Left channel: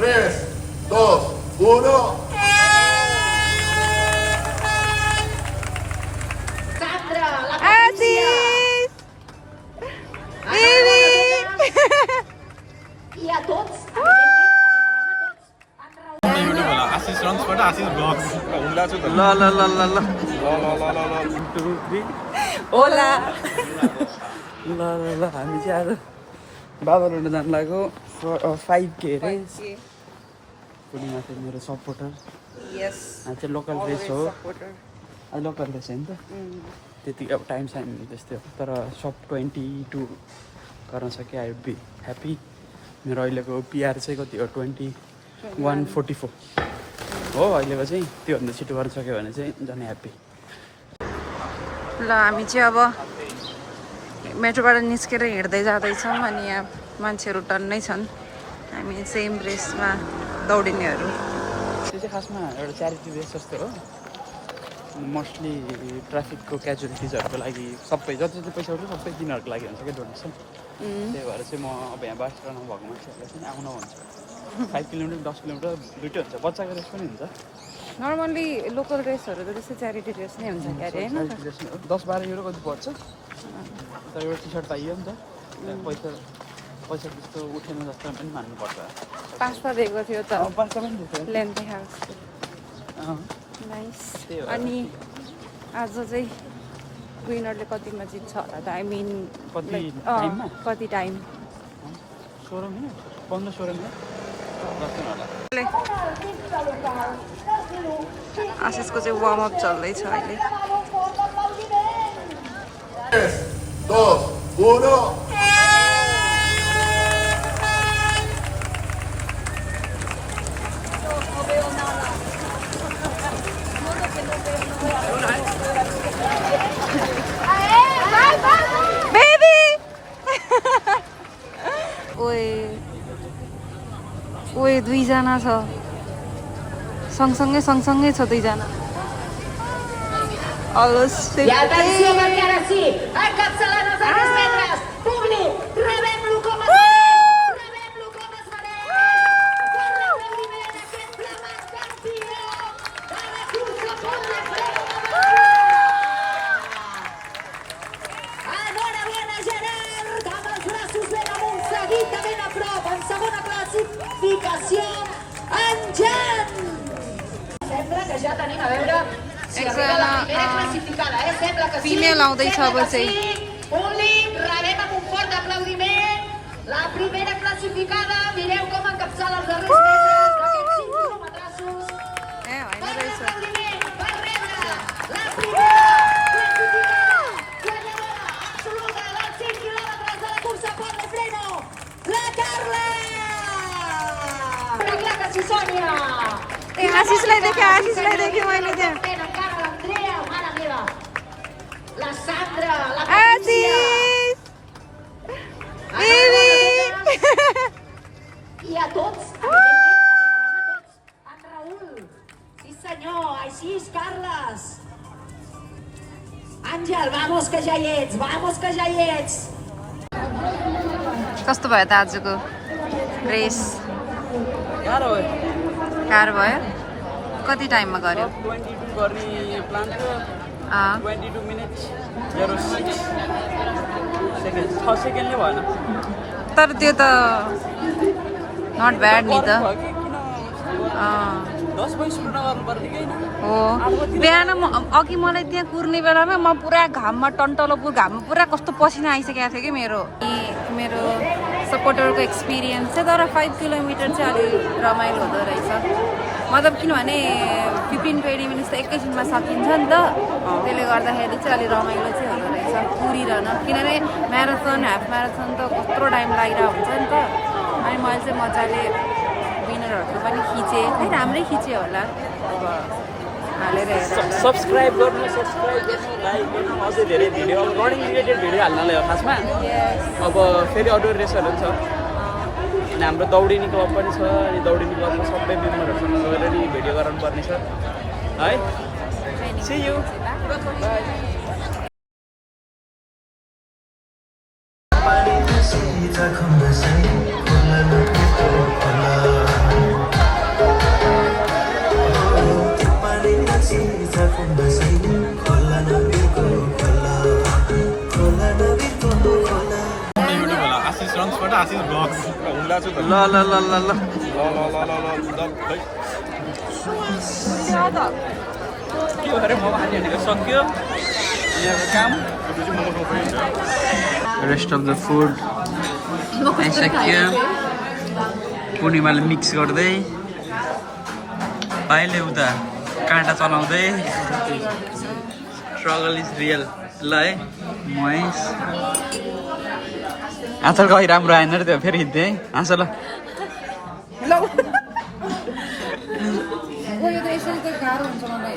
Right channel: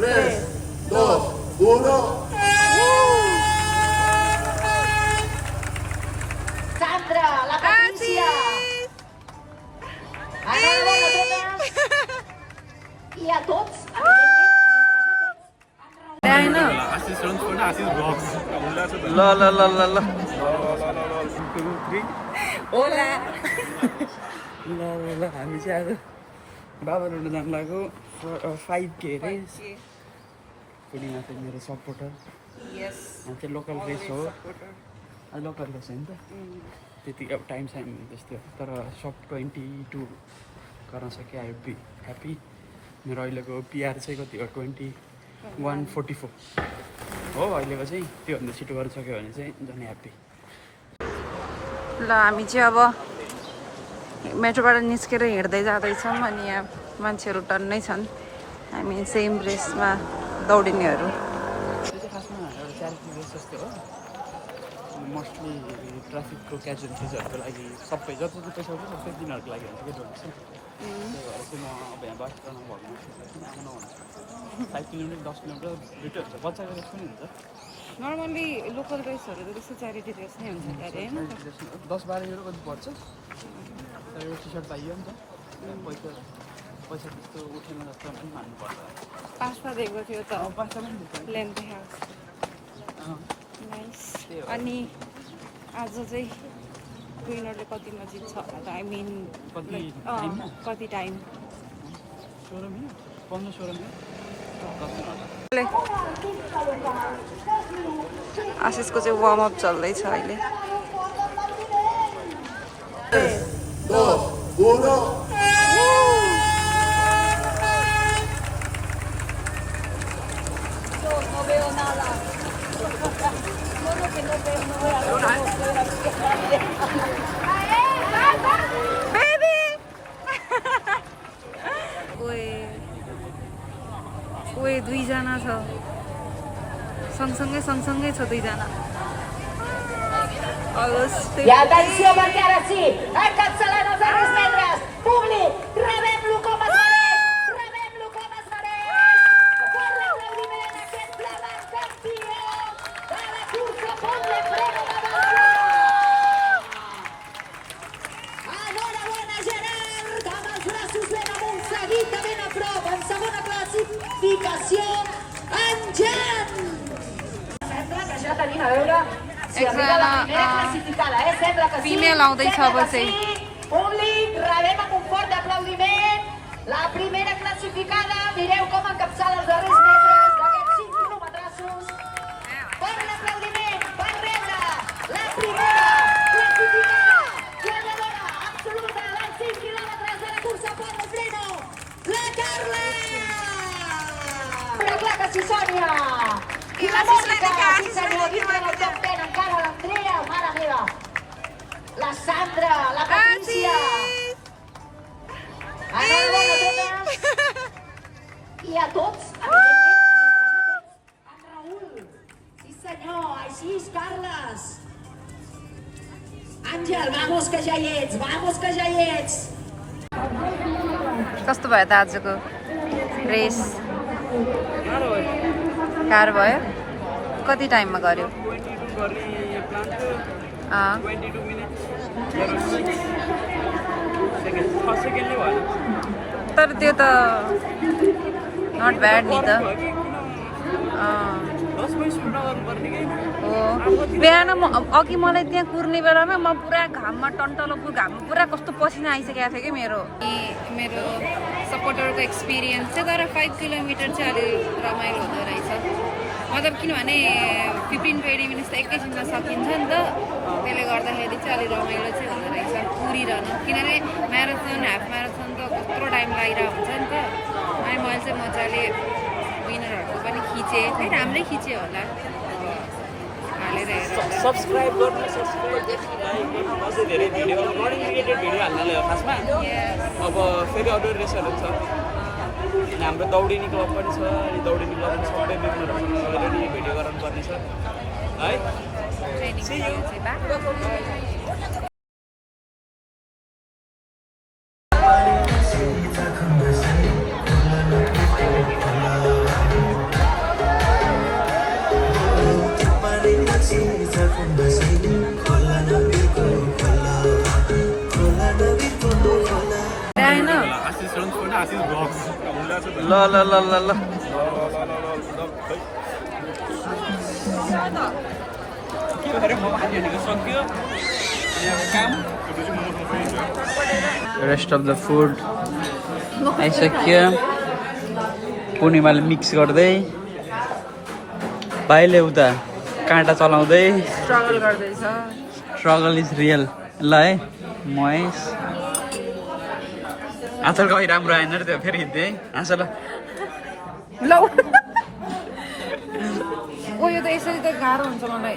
3, 2, 1. Sandra, la Patricia. I a tots. Ashish रन्सबाट Ashish blog ल ल ल ल ल 2 3 ओला ल ल ल हामी चाहिँ आज बाबालोड जानु लाग्यो 5K रेस पूर्णिमा चाहिँ मेरो सपोर्टर चाहिँ लोकल रेस हो लोकल रेस हो नि त त्यति अब टाइम साइन त्यस्तै हो तर सब 22 गर्न सकेँ आई वुड बी ह्याप्पी मेरो अहिलेको पिआर चाहिँ कति हो 21:44 हो अहिलेको चाहिँ त्योभन्दा छिटो गर्न सक्यो भने चाहिँ झन् ह्याप्पी ल हामी चाहिँ अब मेट्रोबाट निस्केर हिँड्दै जाँदैछौँ अनि यहाँ मान्छेहरू टन्नै छन् हामी सेम रेसमा दौडिनेहरू त्यो चाहिँ खासमा एउटा च्यारिटी रेस जस्तो हो मोस्टली ट्राफिकको क्याजुअलिटिजहरूको लागि सबै जति जति पैसा उठ्यो सबै तिनीहरूको लागि हुन्छ क्या डोनेसन त्यही भएर चाहिँ म अब यहाँ बास्ट्रामा भएको मान्छेहरूलाई पनि आउन भन्छु 5 किलोमिटर 10 किलोमिटर दुइटै हुन्छ बच्चाको रेस पनि हुन्छ नर्मल्ली लोकल रेसहरू त त्यस्तो च्यारिटी रेस नै हुन्छ क्या अरे होइन 10-12 युरो कति पर्छ तर एउटा टी सर्ट पाइयो नि त पैसा त्यस्तो उठेन जस्तो पनि मान्नुपर्छ 5 दिएको थियो त 5 पनि दिएको लेन्थ हाउस नाइस अनि आज चाहिँ विनरले कतिमा जित्छ होला त आई मिन कति टाइम 16 मिनट 15-16 मिनट आशिषको चाहिँ वार्मअप चल्दैछ अहिले 2, 1. ओए दुईजना छ सँगसँगै छ दुईजना Y atenció perquè ara sí, encapçalant les assistències, públic, rebem-lo com es mereix, rebem-lo com es mereix. Per l'aplaudiment aquest clamat campió de la cursa Ponte Freno de València. Enhorabona, Gerard, amb els braços ben amunt, seguit de ben a prop, en segona classificació, en Jan. Sembla que ja tenim a veure एकजना female आउँदैछ अब चाहिँ Públic, rebem amb un fort aplaudiment la primera classificada. Mireu com encapçala els darrers metres d'aquests 5 quilòmetres. Fort aplaudiment per rebre la primera classificada, guanyadora absoluta dels 5 quilòmetres de la cursa Ponte Freno, la Carla! Mira que sí, Sònia! आशिषलाई देखेँ मैले त्यहाँ Encara l'Andrea, mare meva! La Sandra, la Patricia! I a tots, evidentment, en Raül. Sí senyor, així és, Carles. Àngel, vamos que ja hi ets, कस्तो भयो त आजको race गाह्रो भयो कति टाइममा गर्यो 22 गर्ने प्लान थियो 22 मिनट्स 06 सेकेन्ड 6 सेकेन्डले भएन तर त्यो त नट ब्याड नि त 10 पॉइन्ट सुरु नगर्नुपर्ने कि हो बिहान अघि मलाई त्यहाँ कुर्ने बेलामा म पुरा घाममा टन्टलो घाममा पुरा कस्तो पसिना आइसकेको थियो कि मेरो सपोर्टरको एक्सपिरियन्स चाहिँ तर 5 किलोमिटर चाहिँ अलि रमाइलो हुँदो रहेछ मतलब किनभने 15-20 मिनट्स त एकैछिनमा सकिन्छ नि त त्यसले गर्दाखेरि चाहिँ अलि रमाइलो चाहिँ हुँदो रहेछ कुरिरहन किनभने म्याराथन हाफ म्याराथन त कत्रो टाइम लागिरहेको हुन्छ नि त अनि मैले चाहिँ मजाले विनरहरूको पनि खिचेँ खै राम्रै खिचेँ होला अब हालेर हेरेर सब्सक्राइब गर्नु लाइक गर्नु अझै धेरै भिडियो अब रनिङ रिलेटेड भिडियो हाल्नलाई हो खासमा अब फेरि अरू रेसहरू छ अनि हाम्रो दौडिने क्लब पनि छ अनि दौडिने क्लबमा सबै मेम्बरहरूसँग अलरेडी भिडियो गराउनुपर्ने छ है See you. Bye. युट्युब होला आशिष रन्सबाट आशिष ब्लग ल ल ल ल ल के भएर म हानी हानेको सक्यो काम रेस्ट अफ द फुड आइसक्यो पूर्णिमाले मिक्स गर्दै भाइले उता काँटा चलाउँदै स्ट्रगल इज रियल ल है महेश आजकल कहीँ राम्रो आएन र त्यो फेरि हिँड्दै है हाँस ल यो त यसरी त गाह्रो हुन्छ मलाई